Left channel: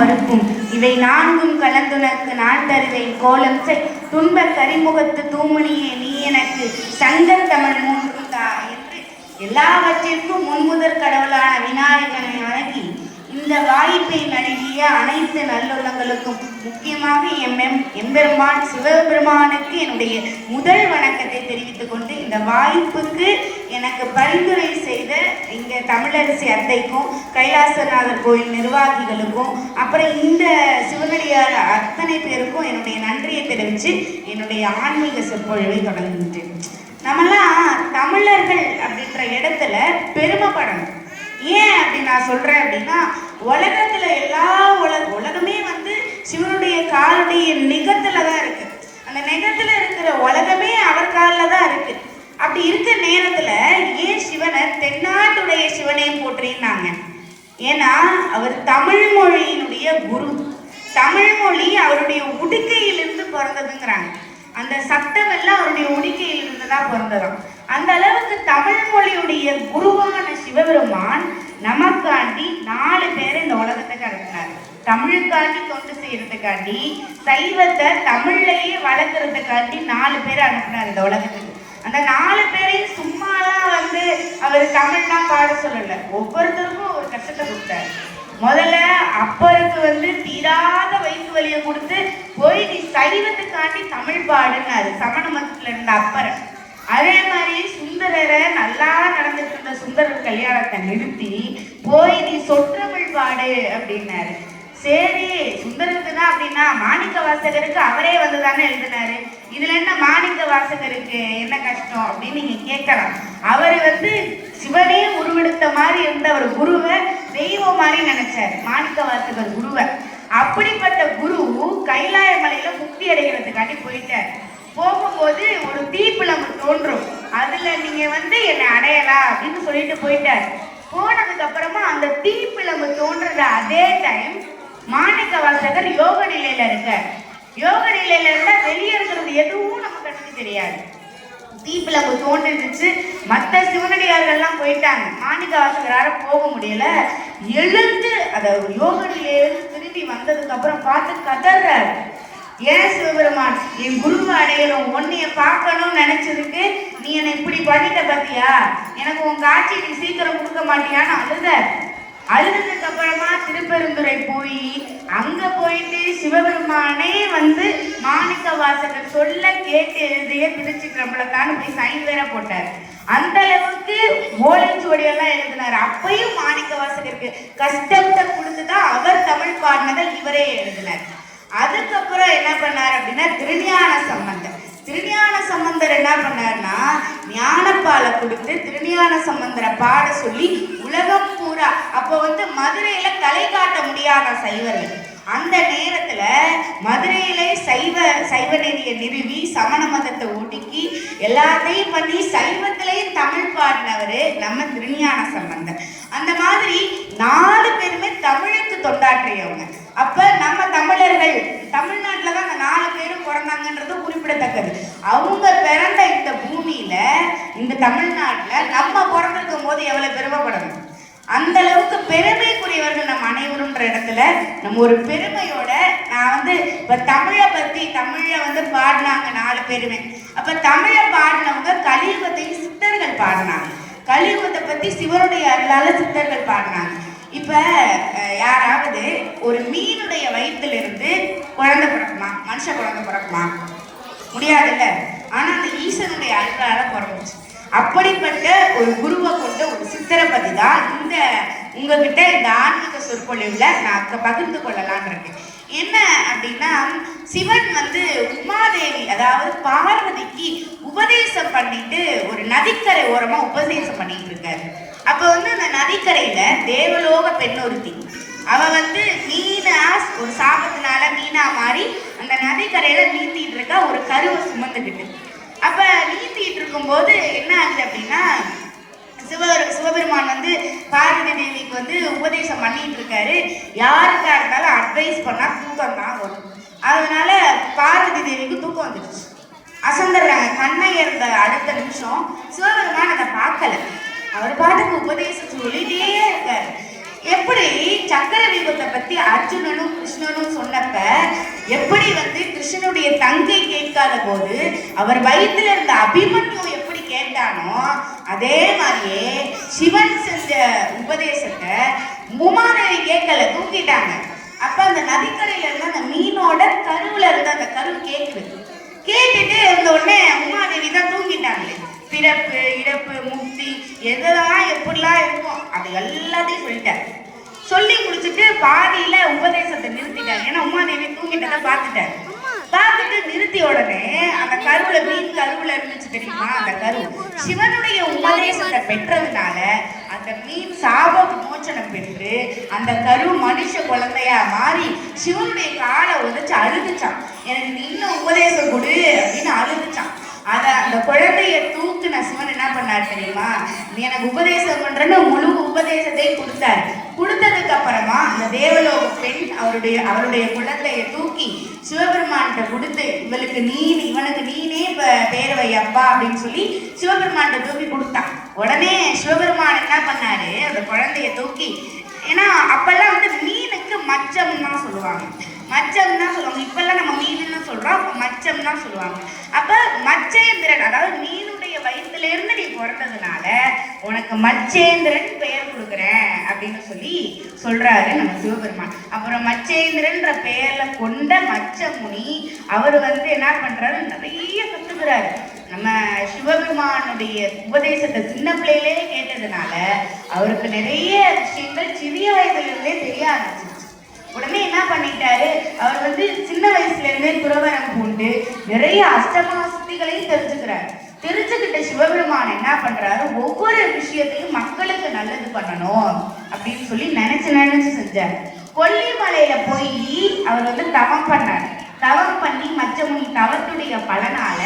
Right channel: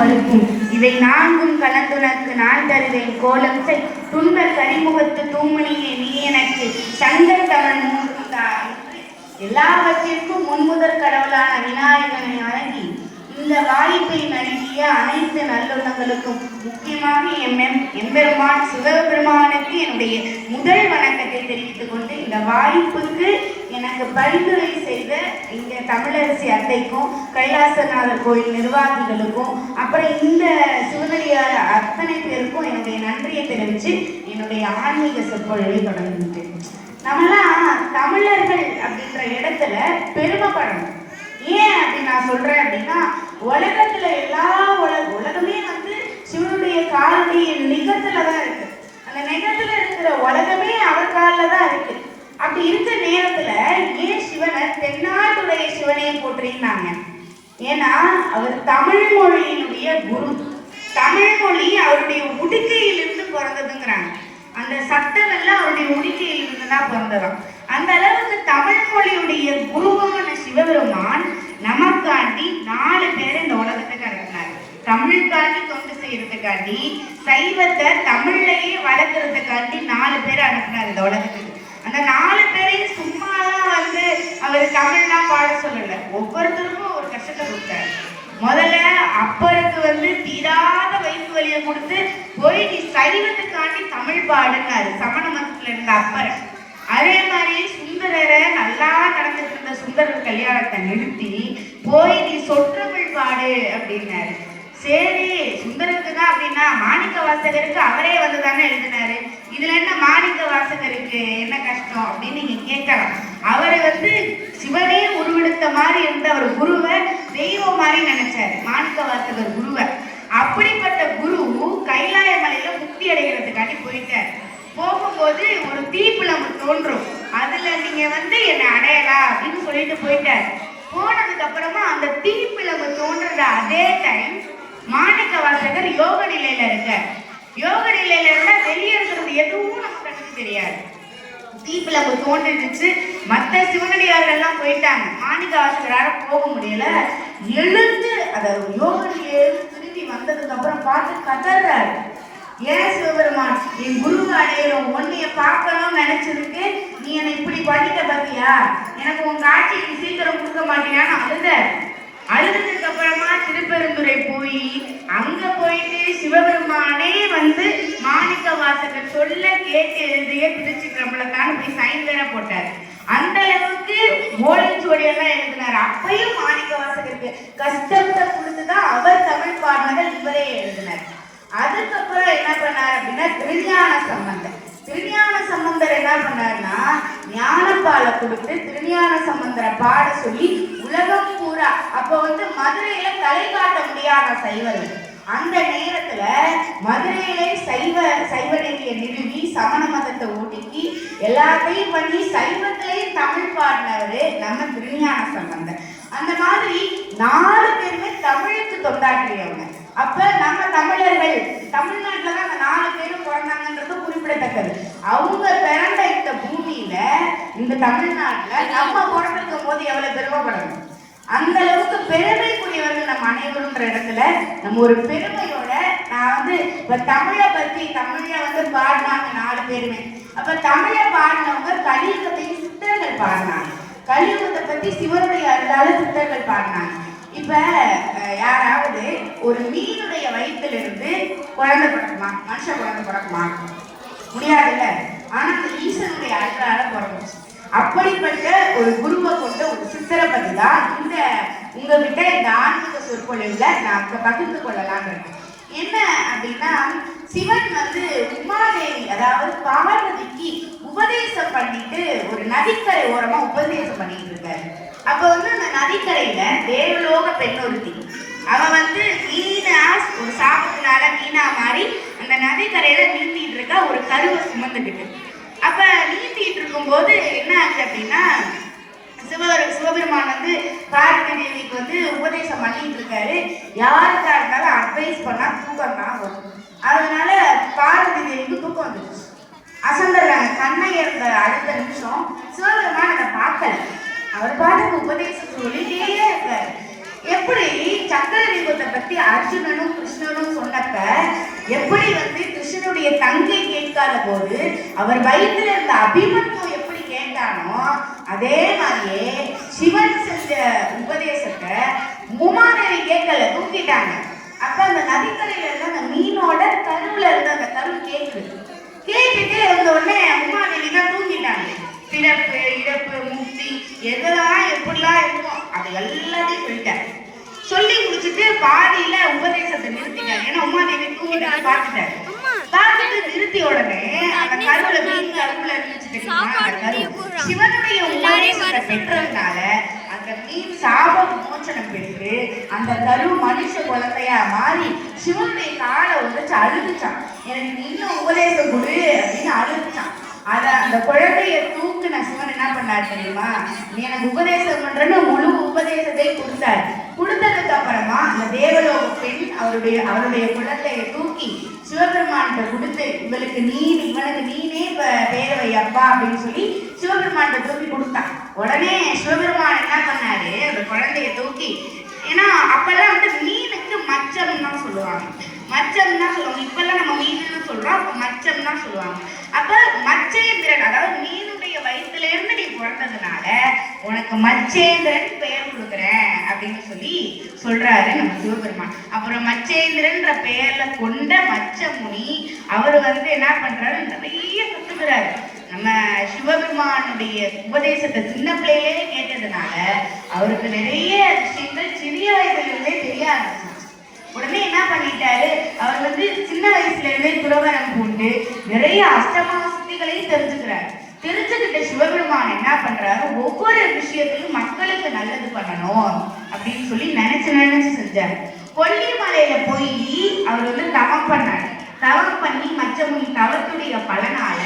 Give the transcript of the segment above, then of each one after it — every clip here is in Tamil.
பருக்கும் இவை நான்கும் கலந்துனக்கு நான் தருவேன் கோலம் செய் துன்ப கரிமுகத்து தூமணியே நீ எனக்கு சங்கர் தமிழ் மூன்றும் தா என்று எல்லாவற்றிற்கும் முன்முதற் கடவுளான விநாயகனை வணங்கி இந்த வாய்ப்பை நல்கிய அனைத்து நல்லுள்ளங்களுக்கும் முக்கியமாக எம்பெருமான் சிவபெருமானுக்கு என்னுடைய முதல் வணக்கத்தை தெரிவித்துக் கொண்டு இந்த வாய்ப்புக்கு எனக்கு பரிந்துரை செய்த இந்த தமிழரசி அத்தைக்கும் கைலாசநாதர் கோயில் நிர்வாகிகளுக்கும் அப்புறம் இந்த சிவனடியார் அத்தனை பேருக்கும் என்னுடைய நன்றியை தெரிவித்து என்னுடைய ஆன்மீக சொற்பொழிவை தொடங்குகின்றேன். நம்மளாம் தமிழர்கள் அப்படின்ற இடத்துல பெருமைப்படணும். ஏன் அப்படி நான் சொல்றேன் அப்படின்னா, உலகத்துல எல்லா உலகமே சிவனுடைய காலுடைய நிகத்துல தான் இருக்கு. அந்த நிகத்துல இருக்கிற உலகமே அவர் காலில் தான் இருக்கு. அப்படி இருக்கிற நேரத்துல ஏன் சிவனை தென்னாட்டுடைய சிவனையும் போற்றினாங்க? ஏன்னா அவர் தமிழ் மொழியினுடைய குரு. தமிழ் மொழி அவருடைய உடுக்கையிலிருந்து பிறந்ததுங்கிறாங்க. அந்த சட்டம் எல்லாம் அவருடைய உடுக்கையிலிருந்து தான் பிறந்ததான். அந்த அளவுக்கு தமிழ் மொழியுடைய குருவான சிவபெருமான் நமக்காண்டி 4 பேரை இந்த உலகத்துக்கு அனுப்பினார். தமிழுக்காண்டி தொண்டு செய்யறதுக்காண்டி, சைவத்தை தமிழ்லையே வளர்க்கறதுக்காண்டி 4 பேரை அனுப்பினார் இந்த உலகத்துக்கு. அந்த 4 பேரையும் சும்மாலாம் அவர் தமிழ்லாம் பாட சொல்லல. ஒவ்வொருத்தருக்கும் ஒரு கஷ்டத்தை கொடுத்தாரு. முதல்ல அப்பருக்கு தீராத வயிற்று வலியை கொடுத்து போய் நீ சைவத்துக்காண்டி தமிழ் பாடுன்னாரு சமண மதத்துல இருந்த அப்பரை. அதே மாதிரி சுந்தரரை நல்லா நடந்துட்டு இருந்த சுந்தரர் கல்யாணத்தை நிறுத்தி போய் நீ சொற்றமிழ் பாடு அப்படின்னாரு. சரி, சுந்தரருக்கு தான் அப்படின்னா மாணிக்க வாசகருக்கு அவரே வந்துதானே எழுதினாரு. இதுல என்ன மாணிக்க வாசகருக்கு என்ன கஷ்டம் அப்படின்னு நீங்க கேட்கலாம். அவர் சிவனே உருவெடுத்த மாதிரி இருந்த ஒரு குருவை தெய்வம் மாதிரி நினைச்சாரு மாணிக்க வாசகர் குருவை. அப்படிப்பட்ட குரு கைலாய மலையில முக்தி அடைகிறதுக்காண்டி போயிட்டாரு. போகும்போது ஒரு தீப்பிழம்பு தோன்றும், அதுல நீங்க என்னை அடையலாம் அப்படின்னு சொல்லிட்டு போயிட்டாரு. போனதுக்கு அப்புறமா அந்த தீப்பிழம்பு தோன்றது அதே டைம் மாணிக்க வாசகர் யோக நிலையில இருக்க. யோக நிலையில இருந்தா வெளியே இருக்கிறது எதுவும் நம்ம கண்ணுக்கு தெரியாது. தீப்பிழம்பு தோன்றிடுச்சு. மற்ற சிவனடியார்கள்லாம் போயிட்டாங்க. மாணிக்க வாசகரால போக முடியல. எழுந்து அத யோக நிலையிலிருந்து திரும்பி வந்ததுக்கு அப்புறம் பார்த்து கதறாரு. ஏன் சிவபெருமான், என் குருவை அடையலும் உன்னைய பார்க்கணும்னு நினைச்சதுக்கு நீ என்னை இப்படி பண்ணிட்ட பாத்தியா, எனக்கு உன் காட்சி நீ சீக்கிரம் கொடுக்க மாட்டியான்னு அழுதுக்கு அப்புறமா திருப்பெருந்துறை போய் அங்க போயிட்டு சிவபெருமானே மாணிக்க வாசகர் சொல்ல கேட்டு எழுதிய திருச்சிற்றம்பலத்தான்னு போய் சைன் வேற போட்டார். அந்த அளவுக்கு ஓலைச்சுவடியெல்லாம் எழுதினார். அப்பையும் மாணிக்க வாசகருக்கு கஷ்டத்தை கொடுத்துதான் அவர் தமிழ் பாடினதை இவரே எழுதினார். அதுக்கப்புறம் என்ன பண்ணார் அப்படின்னா திருஞான சம்பந்தர். திருஞான சம்பந்தர் என்ன பண்ணார்னா ஞானப்பாலை கொடுத்து திருஞான சம்பந்தரை பாட சொல்லி உலகம் பூரா அப்போ மதுரையில தலை காட்ட முடியாத சைவர்கள். அந்த நேரத்துல மதுரையிலே சைவ நெறியை நிறுவி சமண மதத்தை ஒடுக்கி எல்லாத்தையும் பண்ணி சைவத்திலையும் தமிழ் பாடினவரு நம்ம திருஞான சம்பந்தர். அந்த மாதிரி 4 பேருமே தமிழுக்கு தொண்டாற்றியவங்க. அப்ப நம்ம தமிழர்கள் தமிழ்நாட்டுலதான் அந்த 4 பேரும் பிறந்தாங்கன்றது குறிப்பிடத்தக்கது. அவங்க பிறந்த இந்த பூமியில இந்த தமிழ்நாட்டுல நம்ம பிறந்திருக்கும் போது எவ்வளவு பெருமைப்படணும். அந்த அளவுக்கு பெருமைக்குரியவர்கள் நம்ம அனைவருன்ற இடத்துல நம்ம ஒரு பெருமையோட நான் இப்ப தமிழை பத்தி தமிழ பாடினாங்க 4 பேருமே. அப்ப தமிழை பாடினவங்க கலியுகத்தையும் சித்தர்கள் பாடினாங்க. கலியுகத்தை பத்தி சிவனுடைய அருளால சித்தர்கள் பாடினாங்க. இப்ப யாராவது ஒரு மீனுடைய வயிற்றிலிருந்து குழந்தை பிறக்குமா? மனுஷ குழந்தை பிறக்குமா? முடியாதுல்ல. ஆனா அந்த ஈசனுடைய அருளால பிறந்துச்சு. அப்படிப்பட்ட ஒரு குருவை கொண்ட ஒரு சித்தரை பத்தி தான் உங்ககிட்ட இந்த ஆன்மீக சொற்பொழிவுல நான் பகிர்ந்து கொள்ளலான் இருக்கேன். என்ன அப்படின்னா, சிவன் உமாதேவி அதாவது பார்வதிக்கு உபதேசம் பண்ணிட்டு ஒரு நதிக்கரை ஓரமா உபதேசம் பண்ணிட்டு இருக்காரு. அப்ப அந்த நதிக்கரையில தேவலோக பெண் ஒருத்தி அவன் மீனா ஒரு சாபத்தினால மீனா மாறி அந்த நதிக்கரையில நீந்திட்டு இருக்கா ஒரு கருவை சுமந்துக்கிட்டு. அப்ப நீந்திட்டு இருக்கும்போது என்ன ஆச்சு அப்படின்னா சிவபெருமான் பார்வதி தேவிக்கு உபதேசம் பண்ணிட்டு இருக்காரு. யாருக்கா இருந்தாலும் அட்வைஸ் பண்ணா தூக்கம் தான் வரும். அதனால பார்வதி தேவிக்கு தூக்கம் வந்துடுச்சு. அசந்தர்றாங்க. கண்ணை இருந்த அடுத்த நிமிஷம் சிவபெருமான் அதை பார்க்கல. அவர் பாட்டுக்கு உபதேசம் சொல்லிட்டே இருக்காரு. எப்படி சக்கர வியூகத்தை பத்தி அர்ஜுனனும் கிருஷ்ணனும் சொன்னப்ப எப்படி வந்து கிருஷ்ணனுடைய தங்கை கேட்காத போது அவர் வயிற்றுல இருந்த அபிமன்யு எப்படி கேட்டானோ அதே மாதிரியே சிவன் செஞ்ச உபதேசத்தை உமாதேவி கேட்கல, தூக்கிட்டாங்க. அப்ப அந்த நதிக்கரையில இருந்த அந்த மீனோட கருவுல இருந்த அந்த கரு கேட்குது. கேட்டுட்டு இருந்த உடனே உமாதேவி தான் தூங்கிட்டாங்க. பிறப்பு இறப்பு முக்தி எதெல்லாம் எப்படிலாம் இருக்கும் அது எல்லாத்தையும் சொல்லிட்டாரு. சொல்லி முடிச்சுட்டு பாதியில உபதேசத்தை நிறுத்திட்டாரு. ஏன்னா உமாதேவி தூங்கிட்டாரு பார்த்துட்டாரு. பார்த்துட்டு நிறுத்திய உடனே அந்த கருவுல மீன் கருவுல இருந்துச்சு தெரியுமா, அந்த கரு சிவனுடைய உபதேசத்தை பெற்றதுனால அந்த மீன் சாப விமோச்சனம் பெற்று அந்த கரு மனுஷ குழந்தையா மாறி சிவனுடைய காலை உதச்சு அழுதுச்சான். எனக்கு நீ இன்னும் உபதேசம் கொடு அப்படின்னு அழுதுச்சான். அந்த குழந்தைய தூக்குன சிவன் என்ன பண்ணாரு தெரியுமா, நீ எனக்கு உபதேசம் பண்றேன்னு முழு உபதேசத்தை கொடுத்தாரு. கொடுத்ததுக்கு அப்புறமா அந்த தேவலோக பெண் அவருடைய குழந்தைய தூக்கி சிவபெருமான்கிட்ட கொடுத்து இவனுக்கு நீனே பேர் வை அப்பா அப்படின்னு சொல்லி சிவபெருமான்கிட்ட தூக்கி கொடுத்தான். உடனே சிவபெருமான் என்ன பண்ணாரு, அந்த குழந்தைய தூக்கி, ஏன்னா அப்பெல்லாம் வந்து மீனுக்கு மச்சம் தான் சொல்லுவாங்க, மச்சம் தான் சொல்லுவாங்க. இப்பெல்லாம் நம்ம மீன் சொல்றோம், அப்ப மச்சம் தான் சொல்லுவாங்க. அப்ப மச்சேந்திரன், அதாவது மீனுடைய வயிற்றுல இருந்து நீ பிறந்ததுனால உனக்கு மச்சேந்திரன் பெயர் கொடுக்குறேன் அப்படின்னு சொல்லி சொல்றாரு நம்ம சிவபெருமான். அப்புறம் மச்சேந்திரன்ற பெயர்ல கொண்ட மச்சமுனி அவர் வந்து என்ன பண்றாரு, நிறைய கத்துக்கிறாரு. நம்ம சிவபெருமானுடைய உபதேசத்தை சின்ன பிள்ளையிலே கேட்டதுனால அவருக்கு நிறைய விஷயங்கள் சிறிய வயதிலிருந்தே தெரிய ஆரம்பிச்சு. உடனே என்ன பண்ணிட்டாரு, அவர் வந்து சின்ன வயசுல இருந்தே துறவரம் பூண்டு நிறைய அஷ்டமா சுத்திகளையும் தெரிஞ்சுக்கிறாரு. தெரிஞ்சுக்கிட்ட சிவபெருமான் என்ன பண்றாரு, ஒவ்வொரு விஷயத்தையும் மக்களுக்கு நல்லது பண்ணணும் அப்படின்னு சொல்லி நினைச்சு செஞ்சாரு. கொல்லிமலையில போய் அவர் வந்து தவம் பண்ணாரு. தவம் பண்ணி மச்சமுனி தவத்துடைய பலனால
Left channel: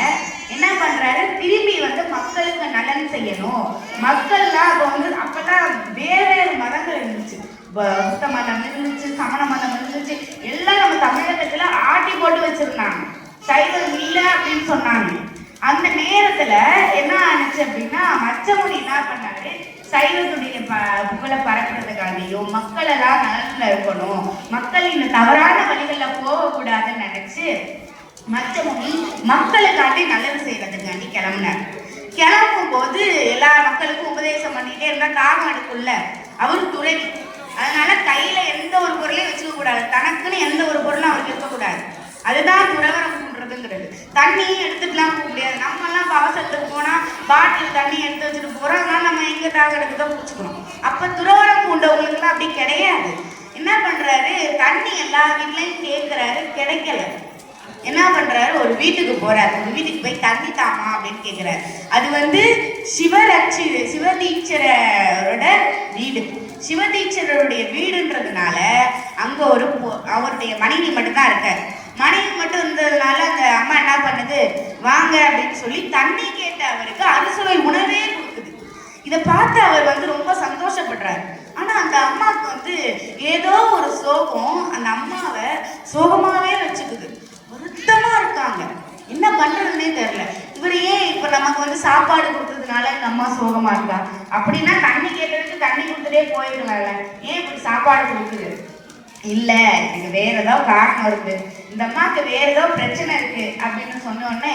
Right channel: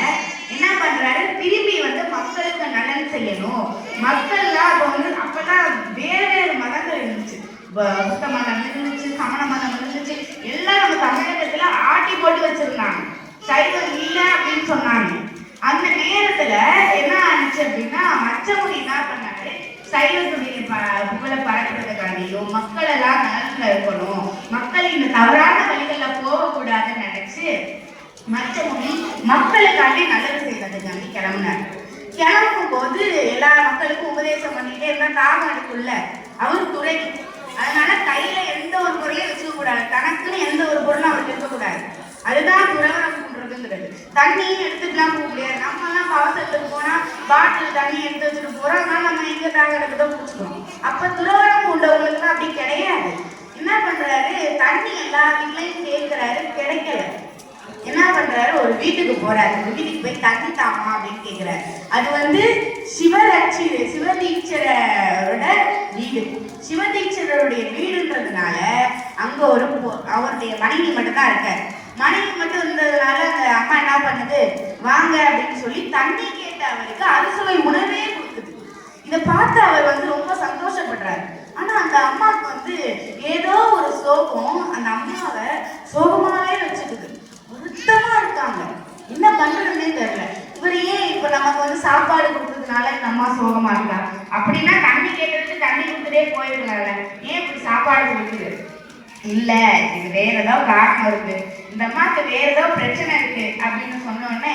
என்ன பண்றாரு, திரும்பி வந்து மக்களுக்கு நலன் செய்யணும். மக்கள்லாம் அப்ப வந்து அப்பதான் வேறு மதங்கள் இருந்துச்சு, புத்த மதம் இருந்துச்சு, சமண மதம் இருந்துச்சு, எல்லாம் நம்ம தமிழகத்துல ஆட்டி போட்டு வச்சிருந்தாங்க. சைவம் இல்லை அப்படின்னு சொன்னாங்க. அந்த நேரத்துல என்ன ஆனிச்சு அப்படின்னா மச்சமுனி என்ன பண்ணாரு, சைவத்துடைய புகழை பரப்புறதுக்காண்டியும் மக்கள் எல்லாம் நலன்ல இருக்கணும், மக்கள் இந்த தவறான வழிகள்ல போகக்கூடாதுன்னு நினைச்சு மச்சமுனி மக்களுக்காண்டி நல்லது செய்யறதுக்காண்டி கிளம்புனார். கிளம்பும் போது எல்லா மக்களுக்கும் உபதேசம் பண்ணிட்டே இருந்தா தாகம் எடுக்குள்ள அவரு துறை. அதனால கையில எந்த ஒரு பொருளையும் வச்சுக்க கூடாது, தனக்குன்னு எந்த ஒரு பொருளும் அவருக்கு இருக்கக்கூடாது. அதுதான் துறவரம் பண்றதுங்கிறது. தண்ணியும் எடுத்துக்கலாம் போக முடியாது. நம்ம எல்லாம் அவசரத்துக்கு போனா பாட்டில் தண்ணி எடுத்து வச்சுட்டு போறோம், அதனால நம்ம எங்க தாங்கிறதுக்கு தான் குடிச்சுக்கணும். அப்ப துறவரம் கொண்டவங்களுக்கு அப்படி கிடையாது. என்ன பண்றாரு, தண்ணி எல்லா வீட்லயும் கேட்கிறாரு, கிடைக்கல. என்ன பண்றாரு, ஒரு வீட்டுக்கு போறாரு. ஒரு வீட்டுக்கு போய் தண்ணி தாமா அப்படின்னு கேட்கிறாரு. அது வந்து சிவதீட்சரோட வீடு. சிவதீட்சருடைய வீடுன்றதுனால அங்க அவருடைய மனைவி மட்டும்தான் இருக்காரு. மனைவி மட்டும் இருந்ததுனால அந்த அம்மா என்ன பண்ணுது, வாங்க அப்படின்னு சொல்லி தண்ணி கேட்ட அவருக்கு அறுசுவை உணவே கொடுக்குது. இதை பார்த்து அவர் வந்து ரொம்ப சந்தோஷப்படுறாரு. ஆனா அந்த அம்மாவுக்கு வந்து ஏதோ ஒரு சோகம் அந்த அம்மாவை சோகமாவே வச்சுக்குது. வருத்தமா இருக்காங்க, என்ன பண்றதுன்னே தெரியல. இவர் ஏன் இப்ப நமக்கு வந்து சாப்பாடு கொடுத்ததுனால இந்த அம்மா சோகமா இருக்கா, அப்படின்னா தண்ணி கேட்டதுக்கு தண்ணி கொடுத்துட்டே போயிருந்தாங்க, ஏன் இப்படி சாப்பாடு கொடுக்குது? இல்ல, இதுக்கு வேற ஏதாவது காரணம் இருக்கு, இந்த அம்மாவுக்கு வேற ஏதோ பிரச்சனை இருக்கு அப்படின்னு சொன்ன உடனே,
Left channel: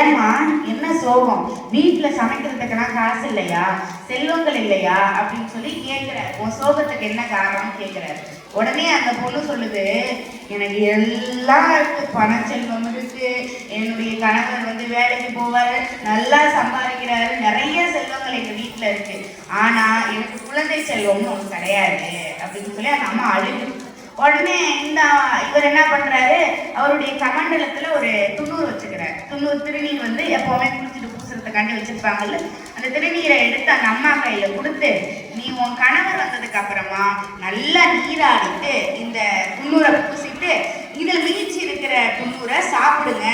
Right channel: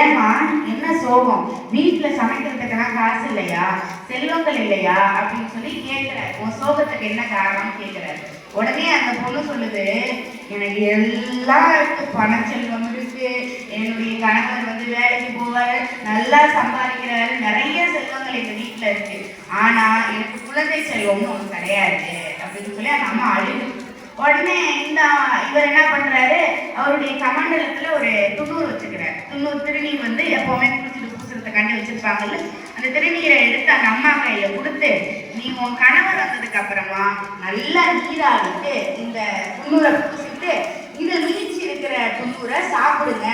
ஏமா என்ன சோகம், வீட்டுல சமைக்கிறதுக்கெல்லாம் காசு இல்லையா, செல்வங்கள் இல்லையா அப்படின்னு சொல்லி கேட்கிறாரு. உன் சோகத்துக்கு என்ன காரணம்னு கேட்கிறாரு. உடனே அந்த பொண்ணு சொல்லுது, எனக்கு எல்லாம் இருக்கு, பண செல்வம் இருக்கு, என்னுடைய கணவர் வந்து வேலைக்கு போவாரு, நல்லா சம்பாதிக்கிறாரு, நிறைய செல்வங்கள் எங்க வீட்டுல இருக்கு, ஆனா எனக்கு குழந்தை செல்வம்னு ஒண்ணு கிடையாது அப்படின்னு சொல்லி அந்த அம்மா அழுது. உடனே இவர் என்ன பண்றாரு, அவருடைய கமண்டலத்துல ஒரு துண்ணூறு வச்சுக்கிறாரு. துண்ணூறு திருநீர் வந்து எப்பவுமே குளிச்சுட்டு பூசுறதுக்காண்டி வச்சிருப்பாங்கல்ல, அந்த திருநீரை எடுத்து அந்த அம்மா கையில கொடுத்து, நீ உன் கணவர் வந்ததுக்கு அப்புறமா நல்லா நீராடிட்டு இந்த துண்ணூரை பூசிட்டு இந்த மீச்சி இருக்கிற துண்ணூரை சாப்பிடுங்க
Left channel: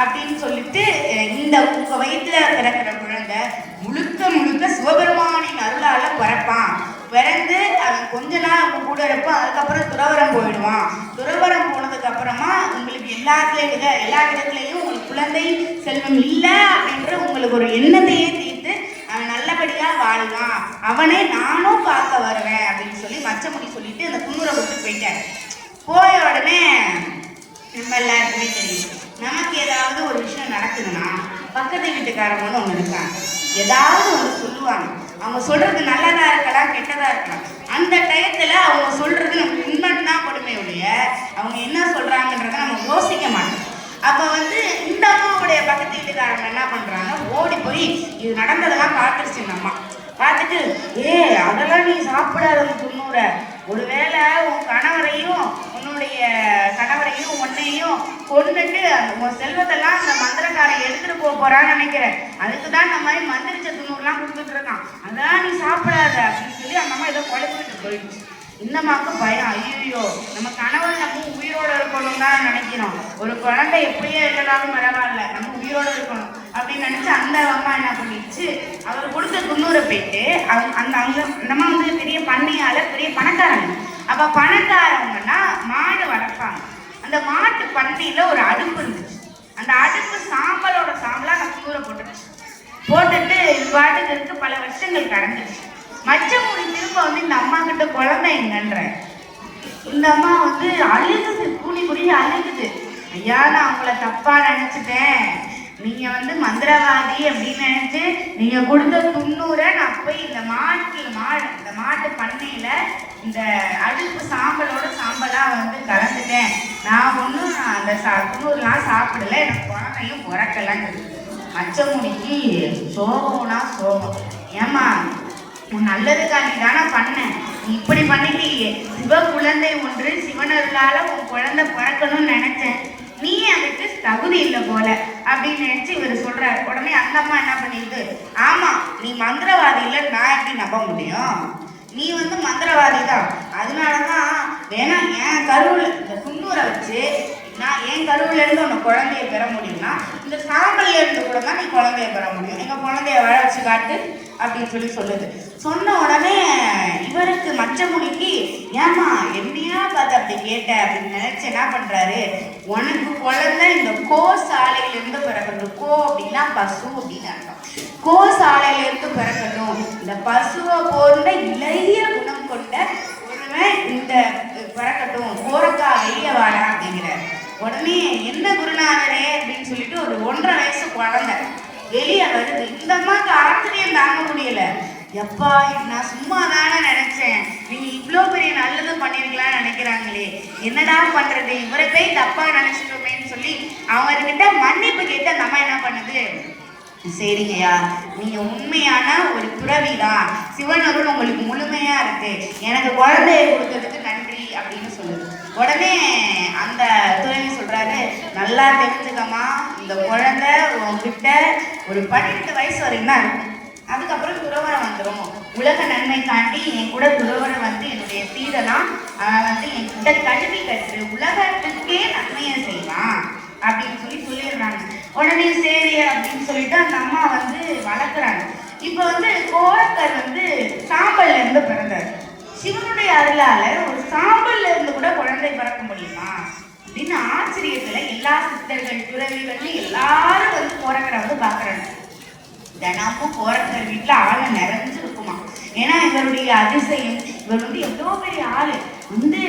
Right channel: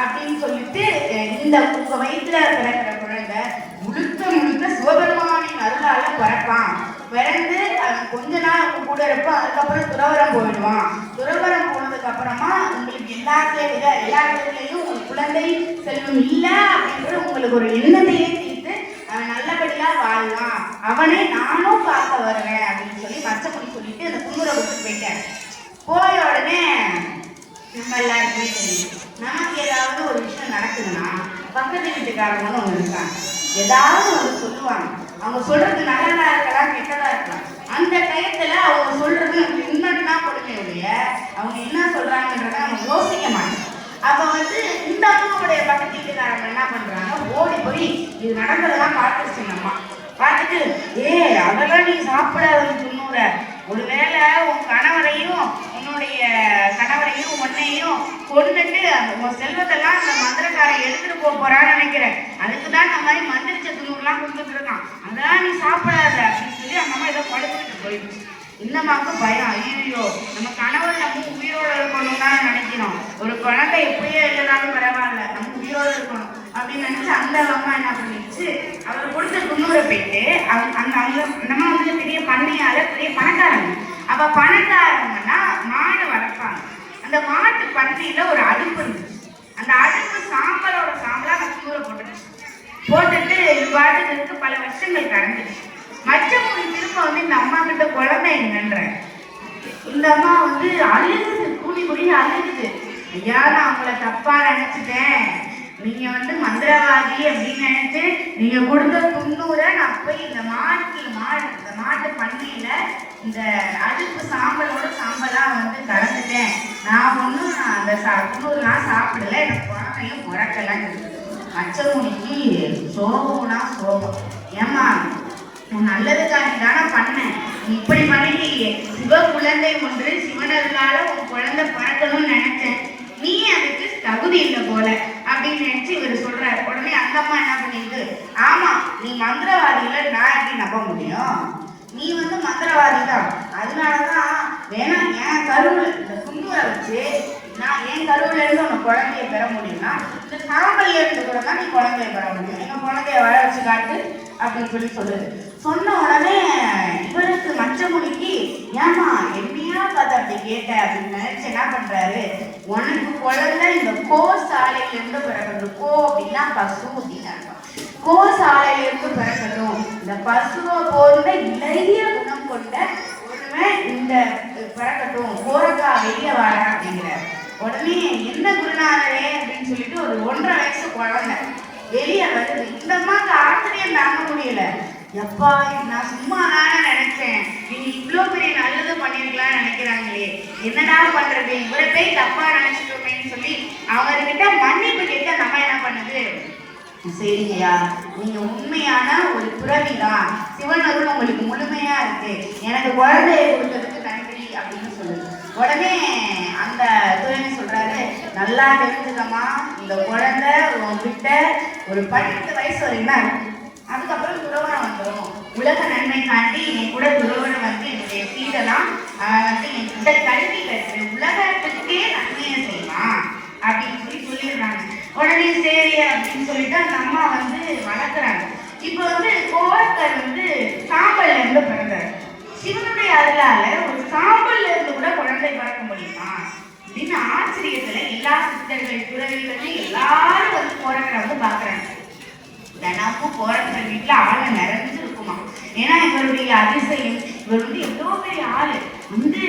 அப்படின்னு சொல்லிட்டு, இந்த வயிற்றுல பிறக்கிற குழந்தை முழுக்க சிவபெருமானின் அருளால பிறப்பான், பிறந்து அவன் கொஞ்ச நாள் அவங்க கூட இருப்பான், அதுக்கப்புறம் துறவரம் போயிடுவான், துறவரம் போனதுக்கு அப்புறமா உங்களுக்கு எல்லா இடத்துலையும் உங்களுக்கு குழந்தை செல்வம் இல்லை அப்படின்ற உங்களுக்கு ஒரு எண்ணத்தையே தீர்த்து நல்லபடியா வாழ்வான், அவனை நானும் பார்க்க வருவேன் அப்படின்னு சொல்லி மச்சமுனி சொல்லிட்டு அந்த துண்ணூரை விட்டு போயிட்டாரு. போய உடனே நம்ம எல்லாருக்குமே தெரியும், நமக்கு ஏதாவது ஒரு விஷயம் நடக்குதுன்னா பக்கத்து வீட்டுக்காரங்களும் அவங்க இருக்காங்க, ஏதாவது ஒரு சொல்லுவாங்க. அவங்க சொல்றது நல்லதா இருக்கலாம் கெட்டதா இருக்கலாம், அந்த டயத்துல அவங்க சொல்றது நமக்கு உண்மைன்னு தான் கொடுமை ஒழிய அவங்க என்ன சொல்றாங்கன்றத அவங்க யோசிக்க மாட்டாங்க. அப்ப வந்து இந்த அம்மாவுடைய பக்கத்து வீட்டுக்காரங்க என்ன பண்றாங்க, ஓடி போய் இது நடந்ததெல்லாம் பார்த்துருச்சு நம்ம பார்த்துட்டு, அதெல்லாம் நீ சாப்பிடாத துண்ணூற, ஒருவேளை உன் கணவரையும் உன்னுடைய கணவரையும் உன்னையும் கொண்டுட்டு உன் செல்வத்தெல்லாம் அந்த மந்திரக்காரன் எடுத்துட்டு போறான்னு நினைக்கிறேன், அதுக்குதான் இந்த மாதிரி மந்திரிச்ச துண்ணூறுலாம் கொடுத்துட்டு இருக்கான், அதான் நீ சாப்பிடாத அப்படின்னு சொல்லி அந்த அம்மா ஏதோ குழப்பிட்டு போயிடுச்சு. இன்னமாக்கு பயம், ஐயோ நம்ம கணவர் நம்ம உயிரோடு இருக்கணும் தான் நினைக்கிறோம், ஒரு குழந்தை எப்படியே இல்லதாலும் பரவாயில்ல நம்ம உயிரோடு இருக்கணும் அப்படின்னு நினைச்சு அந்த அம்மா என்ன பண்ணிடுச்சு, அவர் கொடுத்த துண்ணூரை போயிட்டு அந்த நம்ம வந்து பெரிய பண்ணையால பெரிய பணக்காரங்க. அப்ப பணக்காரங்கன்னா மாடு வளர்ப்பாங்க, அந்த மாட்டு பண்ணையில ஒரு அடுப்பு இருந்துச்சு, அந்த அடுப்பு சாம்பலோட சாம்பலா அந்த துண்ணூரை போட்டுட்டு இது பாட்டுக்கு இருக்கு. பல வருஷங்கள் கடந்துச்சு. மச்சமுனி திரும்ப வந்து இந்த அம்மா கிட்ட குழந்தை எங்கன்ற, இந்த அம்மா வந்து அழுகுது, கூடி கூடி அழுகுது, ஐயா நான் அவங்கள தப்பா நினைச்சிட்டேன், நீங்க வந்து மந்திரவாதி அப்படின்னு நினைச்சு நீங்க கொடுத்த துண்ணூரை நான் போய் இந்த மாட்டு பண்ணையில இந்த அடுப்பு சாம்பலோட சாம்பலா வந்து கலந்துட்டேன், நான் ஒன்றும் அந்த துண்ணூறுலாம் சாப்பிடல, எனக்கு குழந்தையும் பிறக்கலாம். மச்சமுனிக்கு சோகம்னா சோகம், ஏமா நல்லதுக்காண்டி தானே பண்ணேன், இப்படி பண்ணிட்டீங்க, சிவ குழந்தை ஒன்று சிவனர்களால உன் குழந்தை பிறக்கணும்னு நினைச்சேன், நீ அதுக்கு தகுதி இல்லை போல அப்படின்னு நினைச்சு இவர் சொல்றாரு. உடனே அந்த அம்மா என்ன பண்ணிட்டு, ஆமா நீ மந்திரவாதியில நான் எப்படி நம்ப முடியும், நீ வந்து மந்திரவாதி தான், அதனாலதான் வேணா என் கருவில் இந்த துண்ணூரை வச்சு நான் என் கருவில இருந்து உனக்கு குழந்தைய பெற முடியும்னா இந்த சாம்பல் இருந்து கூட தான் நீ குழந்தைய பெற முடியும், எங்க குழந்தைய வாழ வச்சு காட்டு அப்படின்னு சொல்லுது. சொன்ன உடனே இவருக்கு மச்சமுனிக்கு, ஏமா என்னையா பார்த்து அப்படி கேட்ட அப்படின்னு நினைச்சு என்ன பண்றாரு, உனக்கு குழந்தை இந்த கோசாலையிலிருந்து பிறக்கட்டும், கோ அப்படின்னா பசு அப்படின்னு அர்த்தம், கோசாலையிலிருந்து பிறக்கட்டும், இந்த பசுவை போன்ற இளைய குணம் கொண்ட ஒருவன் இந்த பிறக்கட்டும், கோரக்கா வெளிய வாழ அப்படிங்கிறார். உடனே என்ன குருநாதரே அப்படின்னு சொல்லிட்டு ஒரு 1.5 வயசு குழந்தை வெளிய வருது. இந்த அம்மாக்கு ஆச்சரியம் தாங்க முடியல, எப்பா நான் சும்மா தானே நினைச்சேன், நீங்க இவ்வளவு பெரிய நல்லது பண்ணிருக்கலாம்னு நினைக்கிறாங்களே, என்னடா பண்றது, இவரை போய் தப்பா நினைச்சிட்டோமேன்னு சொல்லி அவங்க கிட்ட மன்னிப்பு கேட்ட நம்ம என்ன பண்ணுது, சரிங்கய்யா நீங்க உண்மையான ஒரு துறவிதான், சிவனருள் உங்களுக்கு முழுமையா இருக்கு, எனக்கு குழந்தைய கொடுத்ததுக்கு நன்றி அப்படின்னு சொல்லுது. உடனே அந்த துறவி சொல்றாரு, நல்லா தெரிஞ்சுக்கமா, இந்த குழந்தை உங்ககிட்ட ஒரு 18 வயசு வரைக்கும் தான் இருக்கு, அதுக்கப்புறம் துறவரம் வந்துடும், உலக நன்மை தாண்டி என் கூட துறவரம் வந்து என்னுடைய சீடெல்லாம் வந்து என்கிட்ட கல்வி கற்று உலகத்துக்கே நன்மையை செய்யலாம் அப்படின்னு சொல்லிடுறாங்க. உடனே சரி அப்படின்னு சொல்லிட்டு அந்த அம்மா வந்து வளர்க்குறாங்க. இப்போ வந்து கோரக்கர் வந்து சாம்பல்ல இருந்து பிறந்தார், சிவனுடைய அருளால ஒரு சாம்பல்ல இருந்து கூட குழந்தை பிறக்க முடியுமா அப்படின்னு ஆச்சரியத்துல எல்லா சித்தர்கள் துறவிகள் எல்லாரும் வந்து கோரக்கரை வந்து பாக்குறாங்க. தினமும் கோரக்கர் வீட்டுல ஆளு நிறைஞ்சு இருக்குமா, ஏன்னா இவருடைய அதிசயம், இவர் வந்து எவ்வளோ பெரிய ஆளு வந்து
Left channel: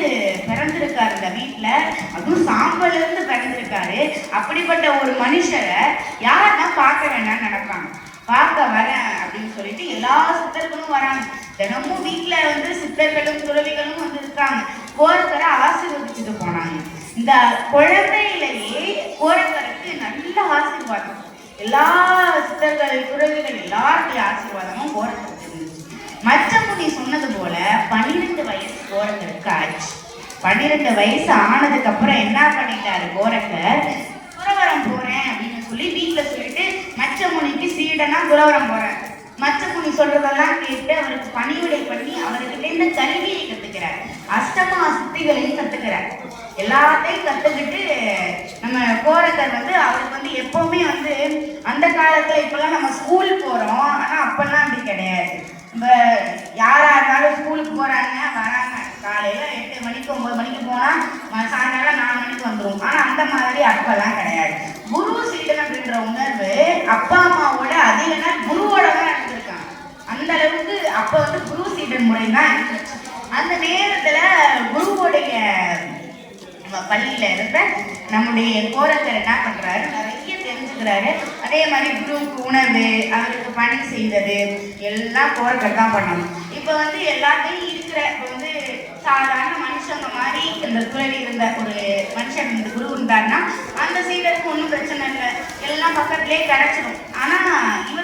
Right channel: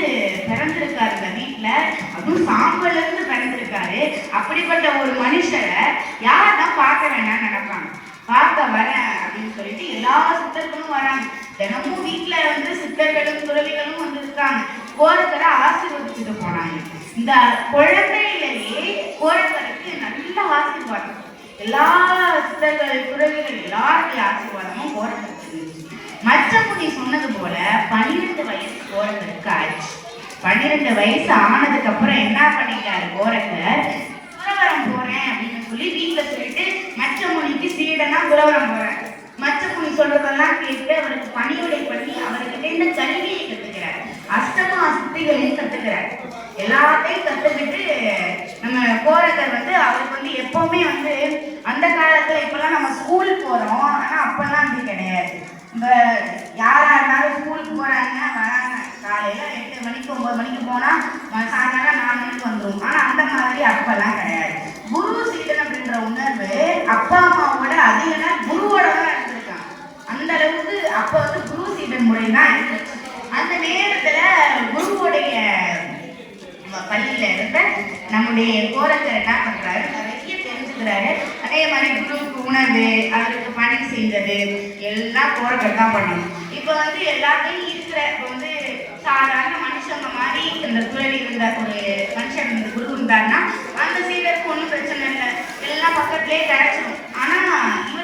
பிறந்திருக்காரு இந்த வீட்டுல, அதுவும் சாம்பல்ல இருந்து பிறந்திருக்காரு. அப்படிப்பட்ட ஒரு மனுஷரை யாரெல்லாம் பார்க்க வேண்டாம்னு நினைப்பாங்க, பார்க்க வரேன் அப்படின்னு சொல்லிட்டு எல்லா சித்தர்களும் வராங்க. தினமும் வீட்டுல வந்து சித்தர்களும் துறவிகளும் வந்து இருக்காங்க, கோரக்கரை ஆசீர்வதிச்சுட்டு போனாங்க. இந்த குழந்தையிலேயே கோரக்கருக்கு நல்ல ஆசீர்வாதம், எல்லா சித்தர்கள் துறவிகள் எல்லாருடைய ஆசீர்வாதமும் கோரக்கருக்கு இருந்துச்சு. மச்சமுனி சொன்னது போல 12 வயசு கோரக்கருக்கு ஆச்சு. 12 வயசு ஆனதுக்கு அப்புறம் என்ன பண்ணிட்டாரு கோரக்கர், துறவரம் போறேன் அப்படின்னு சொல்லி வீட்டுல சொல்லிட்டு மச்சமுனிக்கு சீடனா துறவரம் போறேன். மச்சமுனி சொல்றதெல்லாம் கேட்டு அவருக்கு பணிவிடை பண்ணி அவர்கிட்ட இந்த கல்வியை கத்துக்கிறார், அஷ்டமா சித்திகளையும் கத்துக்கிறார். எல்லாத்தையும் கத்துக்கிட்டு நம்ம கோரக்கர் வந்து அவருக்கு வந்து எப்பவுமே வந்து அந்த காலத்துல இப்பெல்லாம் நம்ம ஸ்கூல் போறோம், ஆனா அப்பெல்லாம் அப்படி கிடையாது. இப்போ யாரா இருந்தாலும் ஸ்கூலுக்கு போறாங்க வராங்க, காலையில 8 மணிக்கு 9 மணிக்கு போனா சாயங்காலம் 4 மணிக்கு வந்துடும். ஆனா அந்த மாதிரி அப்பெல்லாம் கிடையாது. குரு சீடன் அப்படின்ற உணர்வு அப்பா அம்மாவோட அதிகமா குருவோட தான் இருந்திருக்காங்க. அந்த அளவுக்கு அப்போ வந்து குரு சீடன் முறை தான் இருந்துச்சு. அந்த நேரத்துல குருவுடைய பள்ளியில இருக்க நம்முடைய கோரங்கர் என்ன பண்றாரு, நிறைய தெரிஞ்சுக்கிறாரு. அதே மாதிரி குருவுக்கு உணவு, அவருக்கு பணி செய்வது எல்லாம் கோரங்கர் தான் பண்ணணும். இப்ப வந்து எல்லாத்தையும் இருக்கிற வந்து சாதாரண மனுஷங்க மாதிரி இந்த துறையில் இருந்த ஒரு மனுஷன் இந்த குரு இருந்தாருன்னா அந்த சீடருக்கு ஒன்றும் பிரச்சனை இல்லை, எல்லாம் பக்கத்துலேயே கிடைச்சிடும். ஆனா இவர்